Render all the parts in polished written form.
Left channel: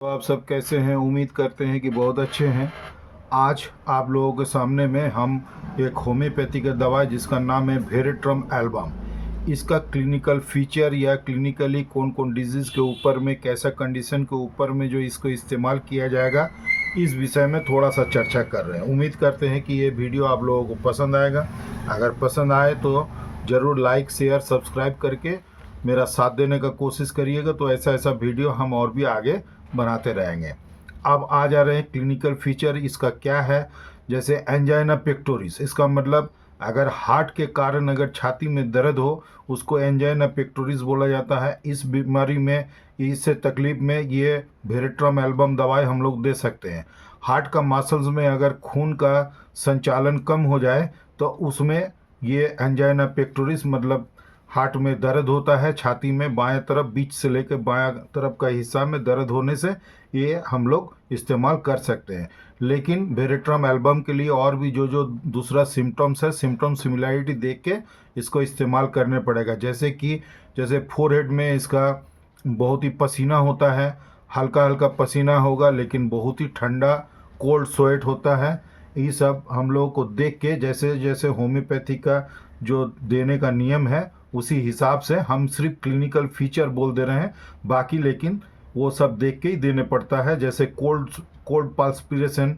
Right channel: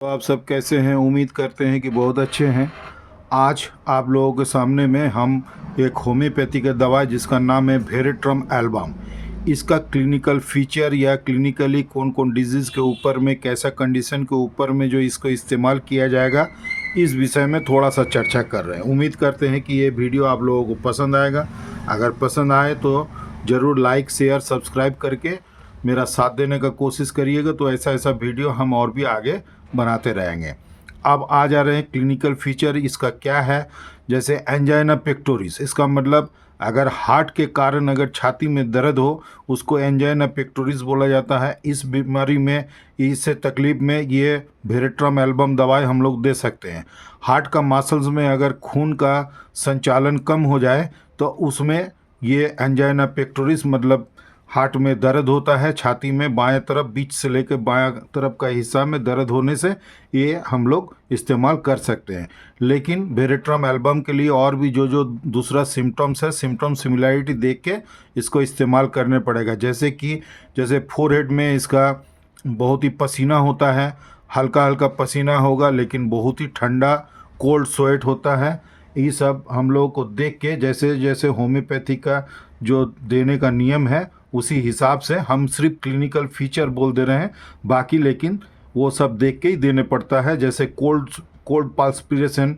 तो आप सब कैसे हैं? उम्मीद करते हैं कि बहुत अच्छे हैं। आज आप लोगों के सामने में हम एक होम्योपैथी का दवा जिसका नाम है वेरेट्रम एल्बम, इसका क्लिनिकल फीचर या क्लिनिकली कौन कौन डिजीज़ के ऊपर में, कैसा कंडीशन के ऊपर में जो इसको इस्तेमाल किया जाएगा, इस विषय में थोड़ा सा चर्चा कर रहे हैं। उम्मीद करते हैं कि ये वीडियो आप लोगों को पसंद आएगा। अगर पसंद आए तो ज़रूर लाइक शेयर सब्सक्राइब करके मेरा साथ देने का कोशिश करिएगा। तो ऐसा ऐसा वीडियो हम और भी आगे बनाते रहेंगे। अब आ जा रहे हैं क्लिनिकल फीचर इसका क्या है। जैसे एंजाइना पेक्टोरिस, इसका मतलब अगर हार्ट के कारण अगर छाती में दर्द हो उसको एंजाइना पेक्टोरिस बोला जाता है। इस बीमारी में, इससे तकलीफ में ये वेरेट्रम एल्बम दवाई हम लोग दे सकते हैं। हार्ट का मसल्स में अगर खून का संचालन कम हो जाए तो उसमें ये एंजाइना पेक्टोरिस, मतलब हार्ट में दर्द होता है छाती में, बाएं तरफ बीच से लेकर बाएं तरफ का हिस्सा में दर्द होने से ये हम लोग इस्तेमाल कर सकते हैं। लेकिन वेरेट्रम एल्बम के लिए और भी जो जो दूसरा सिम्टम्स है, सिम्टम सिमिलैरिटी देख के इसको इस्तेमाल करने पड़ेगा। जैसे फोरहेड में इसका बहुत ही पसीना होता है, हल्का हल्का पसीना होगा लेकिन बहुत ही ठंडा कोल्ड स्वेट होता है। ये सब हम लोगों को देख के, जैसे जैसे होम्योपैथी का जो देने का नियम है उसी हिसाब से हम सिर्फ क्लिनिकल फीचर बोल दे रहे हैं, बाकी लेकिन वो सब देख के ही देने पड़ता है। जैसे कोल्ड पाल्पिरेशन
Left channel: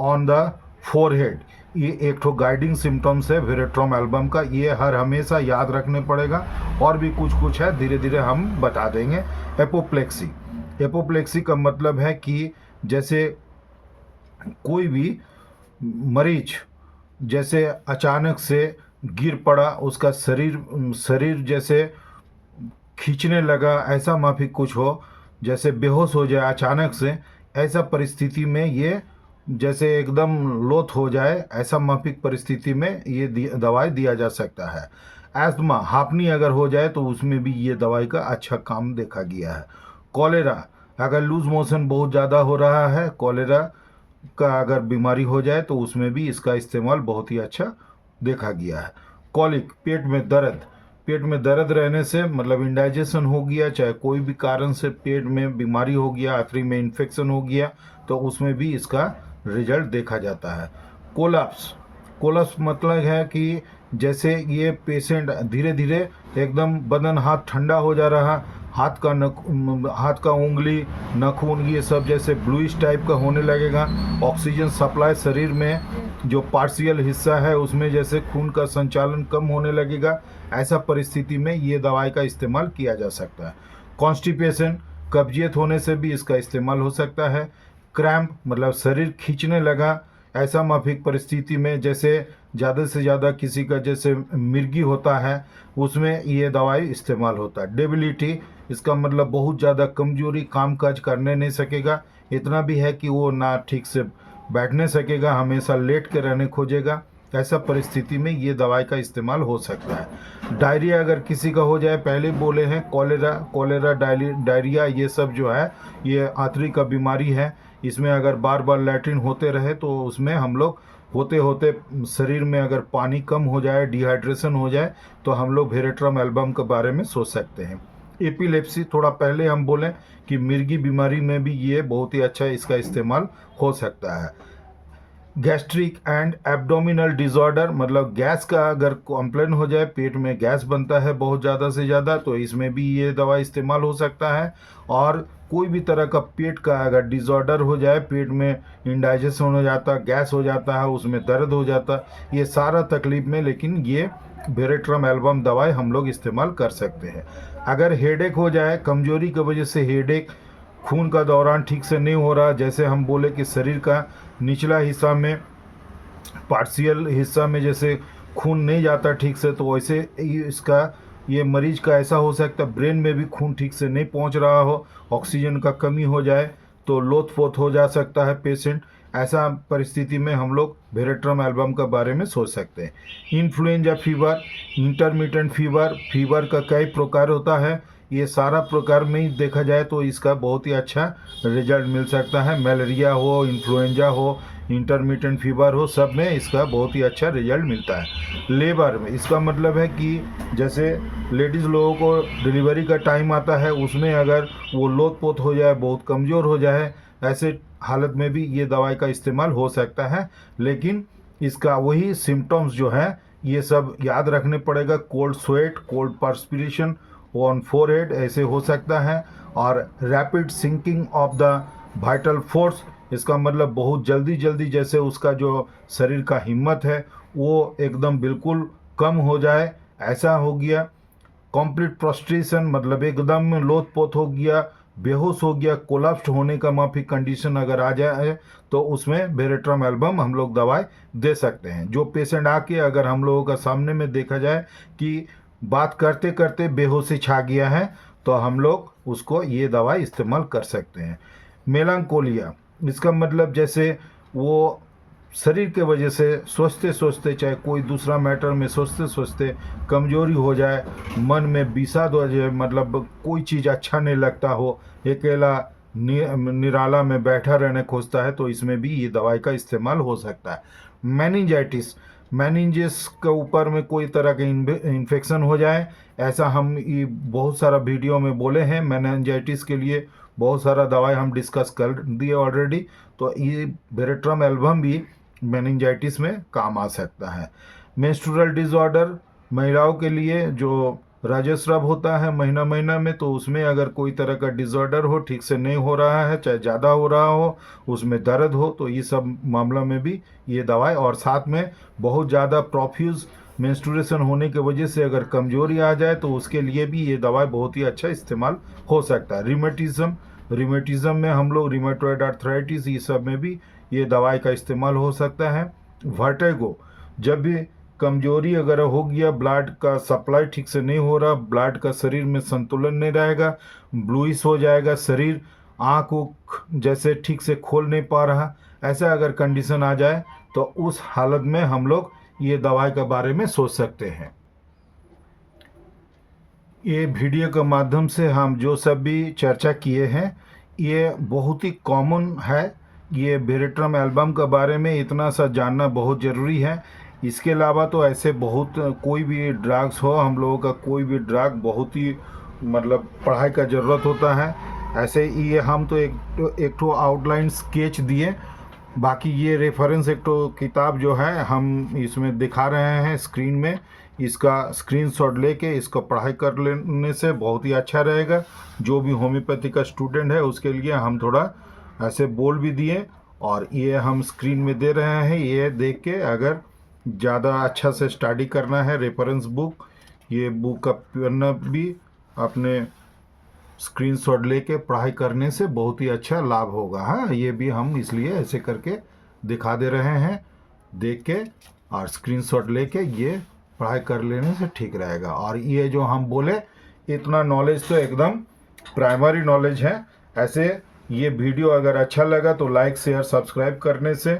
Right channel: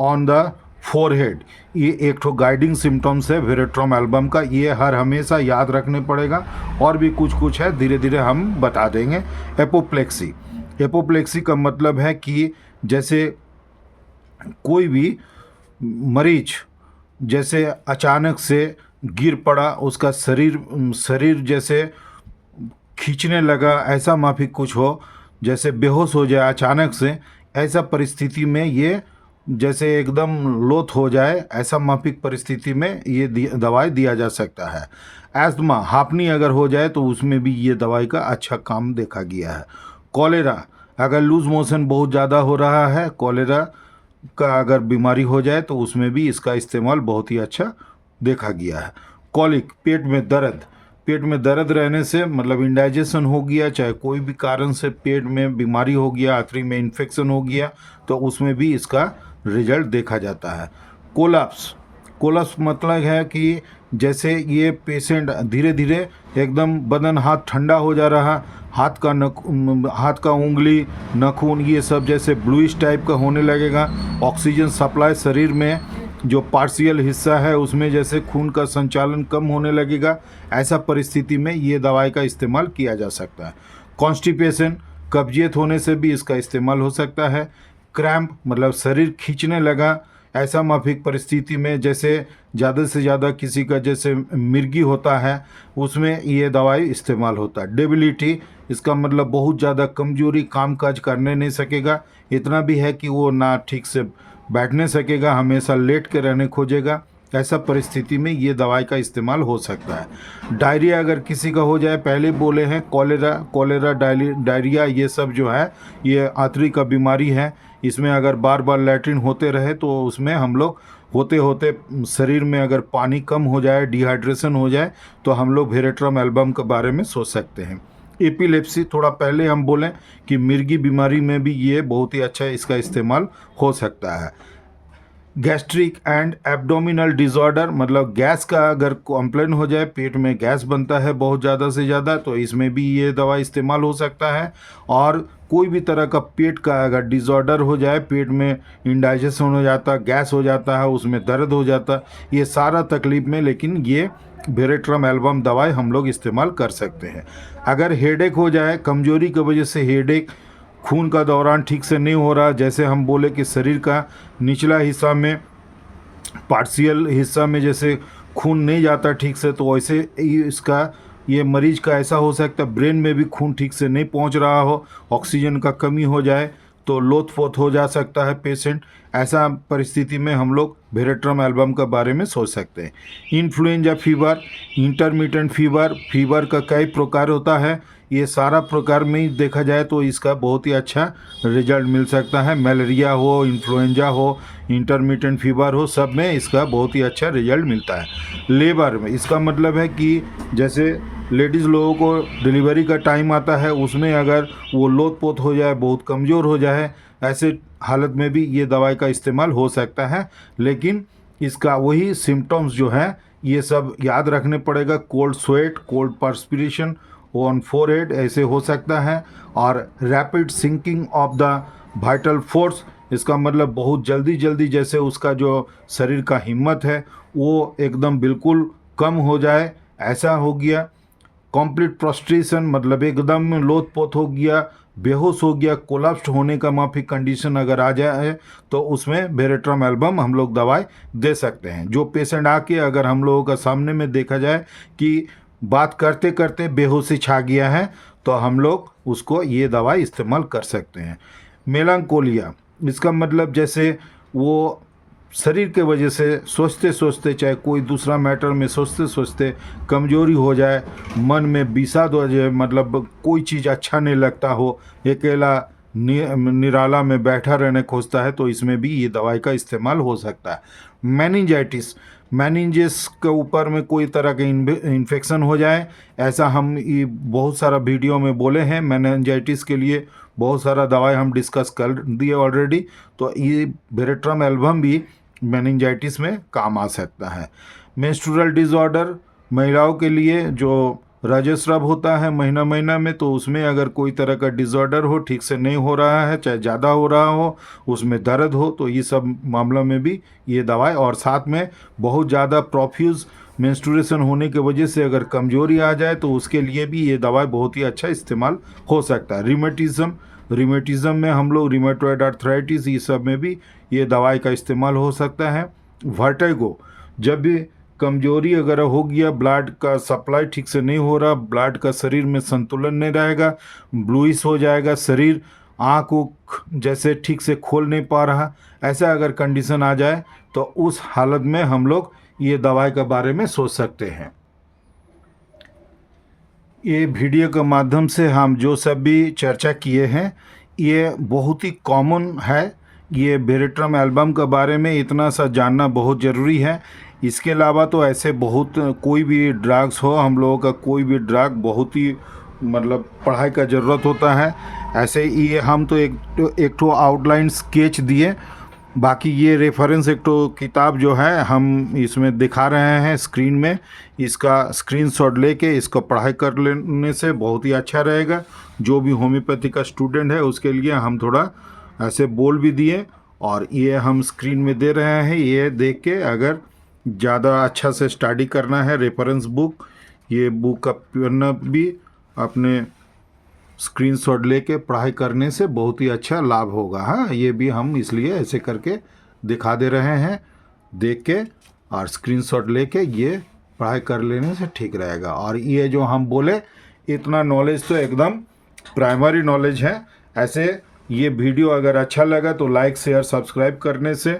ऑन द फोरहेड, ये एक ठो गाइडिंग सिम्टम्स है वेरेट्रम एल्बम का, ये हर हमेशा याद रखने पड़ेगा। और भी कुछ कुछ है, धीरे धीरे हम बता देंगे। एपोप्लेक्सी, एपोप्लेक्सी का मतलब है कि जैसे कोई भी मरीज जैसे अचानक से गिर पड़ा, उसका शरीर जैसे खींचने लगा, ऐसा माफिक कुछ हो, जैसे बेहोश हो जाए अचानक से, ऐसा परिस्थिति में ये जैसे एकदम लोथ हो जाए, ऐसा माफिक परिस्थिति में ये दवाई दिया जा सकता है। एस्थमा, हांफनी अगर हो जाए तो उसमें भी ये दवाई का अच्छा काम देखा गया है। कॉलेरा, अगर लूज मोशन बहुत ज़्यादा हो रहा है, कॉलेरा का अगर बीमारी हो जाए तो उसमें भी इसका इस्तेमाल बहुत ही अच्छा देखा गया है। कॉलिक, पेट में दर्द रहने से, मतलब इंडाइजेशन हो गया, चाहे कोई भी कारण से पेट में बीमारी हो गया, आंतड़ी में इन्फेक्शन हो गया, तो उसमें भी इसका रिजल्ट देखा जाता है। कोलप्स मतलब है कि जैसे ये पेशेंट धीरे धीरे एकदम बदन हाथ ठंडा हो जा रहा, हाथ का उंगली, नाखून, ये सब जैसे ब्लूइश टाइप का होने लगेगा। ऑक्सीजन सप्लाई शरीर में जो पार्शियल हिस्सा है उसमें जैसे खून का संचालन कम होने लगेगा, ऐसा परिस्थिति में ये दवाई का इस्तेमाल किया जा सकता है। कॉन्स्टिपेशन, कब्जियत होने से भी इसका इस्तेमाल हो सकता है। क्रैम्प मतलब शरीर खींचने लगा, ऐसा माफिक परिस्थिति में, जैसे ज़्यादा से ज़्यादा किसी का जैसे मिर्गी होता है, उसमें ये दवाई इस्तेमाल होता है। डेबिलिटी, इसका मतलब बहुत ज़्यादा कमजोरी, काम काज करने नहीं सकेगा, इतना भी है कि वो ना ठीक से बैठने सकेगा, हमेशा लेट के रहने खोजेगा, ऐसा परिस्थिति में ये दवाई का इस्तेमाल हो सकता है। डायरिया अगर किसी का हो जाए, पहले बोले हैं कॉलेरा डायरिया, ये सब जो है ये आंतड़ी का बीमारी है। इसमें अगर बार बार लैट्रिन होते रहे तो उसमें हम लोग होते होते शरीर में अगर पानी कम हो जाए, डिहाइड्रेशन हो जाए, तो हम लोग वेरेट्रम एल्बम के बारे में सोच सकते हैं। एपिलेप्सी, थोड़ा पहले हम बोलें कि मिर्गी बीमारी में भी ये बहुत ही अच्छा इसका इस्तेमाल हो सकता है। गैस्ट्रिक एंड एब्डोमिनल डिसऑर्डर, मतलब गैस का अगर कंप्लेन हो जाए, पेट में गैस बनता है बहुत ज़्यादा से ज़्यादा, तो इसमें भी ये दवा इस्तेमाल हो सकता है। और कोई भी तरह का पेट का अगर डिसऑर्डर हो जाए, पेट में इंडाइजेशन हो जाता, गैस हो जाता है, उसमें दर्द हो जाता, ये सारा तकलीफ में लेकिन ये वेरेट्रम एल्बम दवाई हम लोग इस्तेमाल कर सकते हैं। अगर हेडेक हो जाए, कमजोरी की वजह से हेडेक, खून का दौरान ठीक से नहीं हो रहा, जैसे हम बोले कि शरीर का निचला हिस्सा में, पार्शियल हिस्सा में जैसे खून नहीं जाता ठीक से, तो वैसे ये मरीज का ऐसा हो सकता है। ब्रेन में भी खून ठीक से नहीं पहुंच रहा हो, ऑक्सीजन का कमी हो जाए तो लोथ-पोथ हो जा सकता है पेशेंट। ऐसा परिस्थिति में हम लोग वेरेट्रम एल्बम के बारे में सोच सकते हैं। इन्फ्लुएंजा फीवर, इंटरमिटेंट फीवर का कई प्रकार होता है। ये सारा प्रकार में ही देखा जाए तो इसका बहुत ही अच्छा रिजल्ट मिल सकता है। मलेरिया हो, इन्फ्लुएंजा हो, इंटरमिटेंट फीवर हो, सब में इसका बहुत ही अच्छा रिजल्ट मिलता है। लेबर में इसका मतलब है कि जैसे लेडीज़ लोगों को डिलीवरी का टाइम आता है, उसमें अगर वो लोथ पोत हो जाए, बहुत कमज़ोर हो जाए, ऐसे हालत में भी ये दवाई का इस्तेमाल हो सकता है। लेकिन इसका वही सिम्टम्स जो है ये सब याद रखने पड़ेगा। Cold sweat, cold perspiration on forehead ऐसे हो सकता है। और rapid sinking of the vital force, इसका मतलब बहुत जल्दी जल्दी जैसे उसका जो शरीर का हिम्मत है वो एकदम बिल्कुल कम हो जाए, ऐसा हो गया। कंप्लीट प्रोस्ट्रेशन मतलब एकदम लोथ पोत हो गया, बेहोश हो गया, कोलैप्स्ड होने का माफी कंडीशन अगर आ जाए तो उसमें वेरेट्रम एल्बम हम लोग दवाई दे सकते हैं। जो पेशेंट आके अगर हम लोगों का सामने में देखा जाए कि बात करते करते बेहोशी छा गया है तो हम लोग उसको ये दवाई इस्तेमाल कर सकते हैं। मेलांकोलिया, इसका मतलब जैसे वो शरीर के वजह से सोचते सोचते, चाहे कोई दूसरा मैटर में सोचते सोचते कमजोरी हो जाए, मन में विषाद हो जाए, मतलब कोई चीज़ अच्छा नहीं लगता हो, अकेला निराला में बैठा रहने खोजता है, तो इसमें भी ये दवाई का इस्तेमाल हो सकता है। मेनिंजाइटिस, मेनिंजेस के ऊपर में कोई तरह का इन्फेक्शन हो जाए, ऐसा हम ये बहुत सारा वीडियो में बोले हैं। मेनिंजाइटिस के लिए बहुत सारा दवाई हम डिस्कस कर दिए ऑलरेडी, तो ये वेरेट्रम एल्बम भी मेनिंजाइटिस में काम आ सकता है। मेंस्ट्रुअल डिसऑर्डर, महिलाओं के लिए जो रजस्राव होता है महीना महीना में, तो उसमें अगर कोई तरह का डिसऑर्डर हो, ठीक से नहीं हो रहा है, चाहे ज़्यादा हो रहा हो, उसमें दर्द हो, तो ये सब मामलों में भी ये दवाई, और साथ में बहुत ज़्यादा प्रोफ्यूज मेंस्ट्रुएशन होने की वजह से अगर कमजोरी आ जाए तो उसके लिए भी ये दवाई बहुत ही अच्छा इस्तेमाल हो सकता है। रिमेटिज्म में हम लोग रिमेटॉइड आर्थराइटिस, ये सब में भी ये दवाई का इस्तेमाल हो सकता है। वर्टिगो, जब भी कमजोरी अगर हो गया, ब्लड का सप्लाई ठीक से नहीं हो रहा, ब्लड का शरीर में संतुलन नहीं रहेगा, ब्लूइश हो जाएगा शरीर, आँख जैसे ठीक से खोल नहीं पा रहा, ऐसा अगर कंडीशन आ जाए तो उस हालत में हम लोग ये दवाई के बारे में सोच सकते हैं। ये वीडियो के माध्यम से हम जो सब भी चर्चा किए हैं ये बहुत ही कॉमन है। ये वेरेट्रम एल्बम के बारे में इतना सा जानना बहुत ज़रूरी है। इसके अलावा तो ऐसे बहुत कोई भी ड्रग्स हो, हम लोगों का कोई भी ड्रग बहुत ही मतलब पढ़ाई का ज़रूरत होता है। ऐसे ये हम तो एक ठो आउटलाइन स्केच दिए, बाकी ये रेफरेंस एक तो किताब जो है हम इसमें दिखा रहे हैं स्क्रीन में, इसका स्क्रीनशॉट लेके इसका पढ़ाई कर लेने से बहुत ही अच्छा रहेगा। जो भी होम्योपैथी का स्टूडेंट है उसके लिए हम थोड़ा ऐसे बोल भी दिए, और ये हम स्क्रीन में दे रहे हैं। ये देख के अगर ज़्यादा अच्छा से स्टडी करना है, रेफरेंस बुक, ये बुक का पढ़ना भी अपने स्क्रीनशॉट लेके पढ़ाई करने से बहुत ही अच्छा लाभ होगा। हाँ, ये भी हम इसलिए ऐसे करके दिखा दे रहे हैं, देख के और स्क्रीनशॉट लेके ये पढ़ाई कर लेने से ठीक रहेगा। और ये जो हम बोले इतना नॉलेज तो एकदम प्राइमरी नॉलेज है। ऐसे ये वीडियो अगर अच्छा लगा तो लाइक शेयर सब्सक्राइब करने से,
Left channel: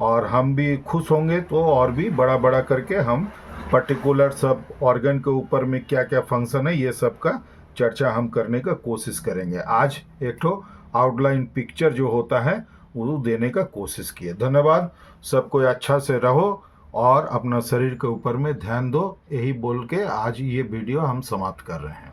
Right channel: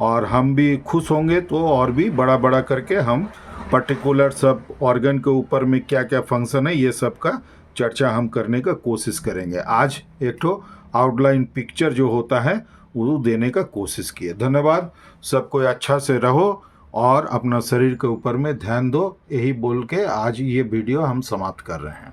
और हम भी खुश होंगे तो और भी बड़ा बड़ा करके हम पर्टिकुलर सब ऑर्गन के ऊपर में क्या क्या फंक्शन है ये सब का चर्चा हम करने का कोशिश करेंगे। आज एक तो आउटलाइन पिक्चर जो होता है वो देने का कोशिश किए। धन्यवाद। सबको अच्छा से रहो और अपना शरीर के ऊपर में ध्यान दो, यही बोल के आज ये वीडियो हम समाप्त कर रहे हैं।